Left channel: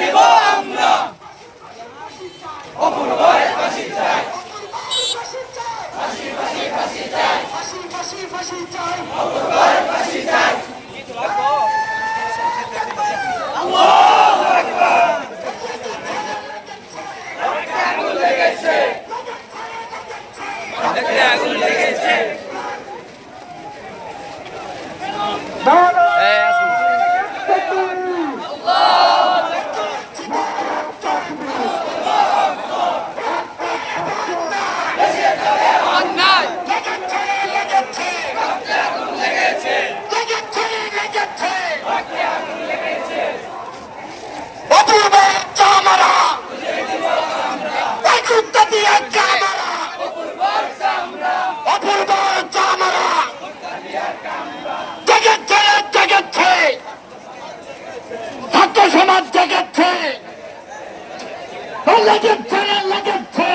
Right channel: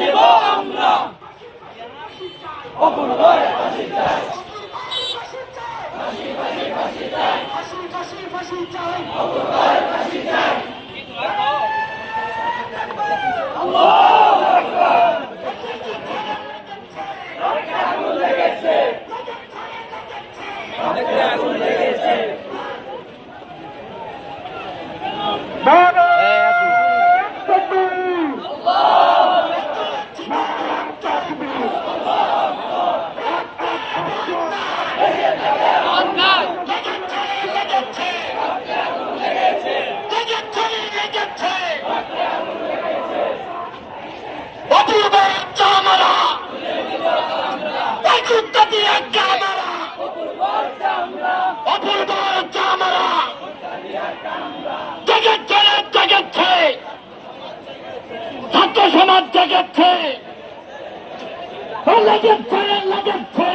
নিব আমরা অপূর্ব ফাঁসি চাই ফাঁসি ফাঁসি ফাঁসি চাই অপূর্ব ফাঁসি চাই আল্লাহু আকবার আগুন লেগেছে আগুন লেগেছে ছাত্র সমাজ জেগেছে লেগেছে লেগেছে